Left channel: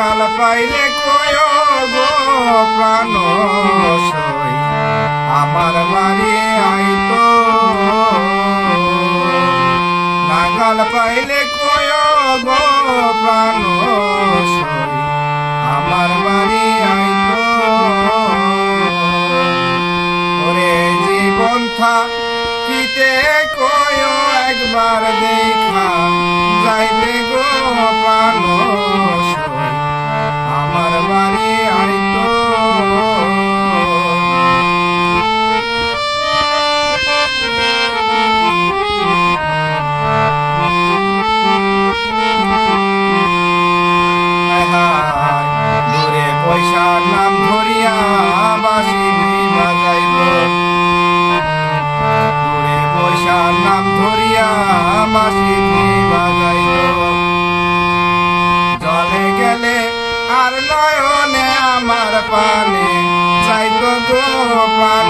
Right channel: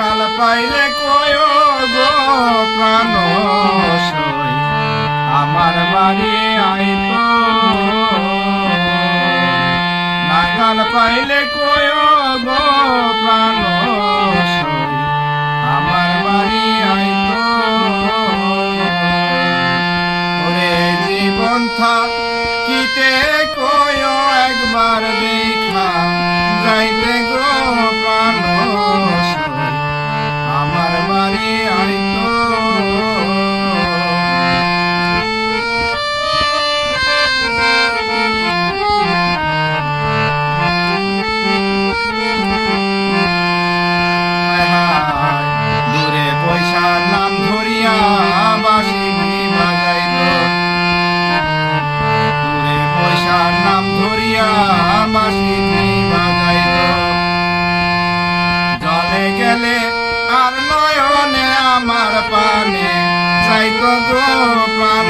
নাগাল পাইলে কয় গো প্রাণ আমার বাড়ি আইতো। নাগাল পাইলে কয় গো প্রাণ আমার বাড়ি আইতো। ওরে জীবন থাকিতে কয় একবার দেখা আর নয়নে আমার পানে যাই গো প্রাণ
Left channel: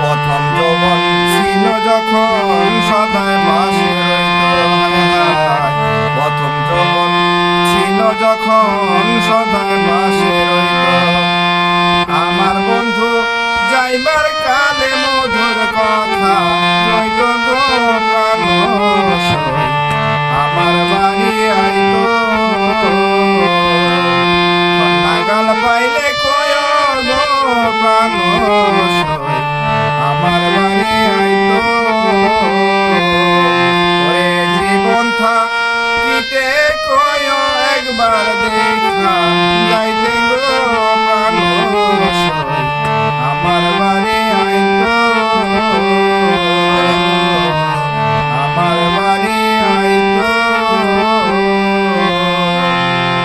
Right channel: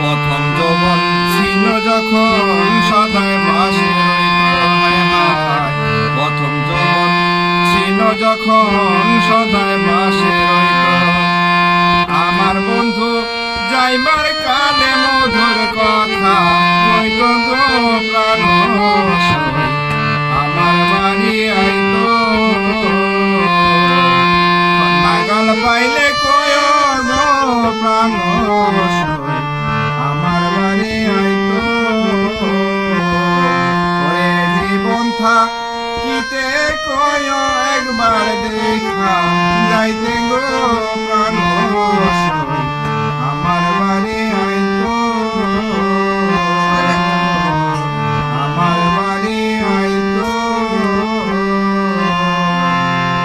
প্রথম যৌবন ছিল যখন সদায় বাসে। প্রথম যৌবন ছিল যখন সদায় বাসে রইত আমার গো প্রাণ। আমার ওরে জীবন থাকিতে কয় একবার দেখা যাইত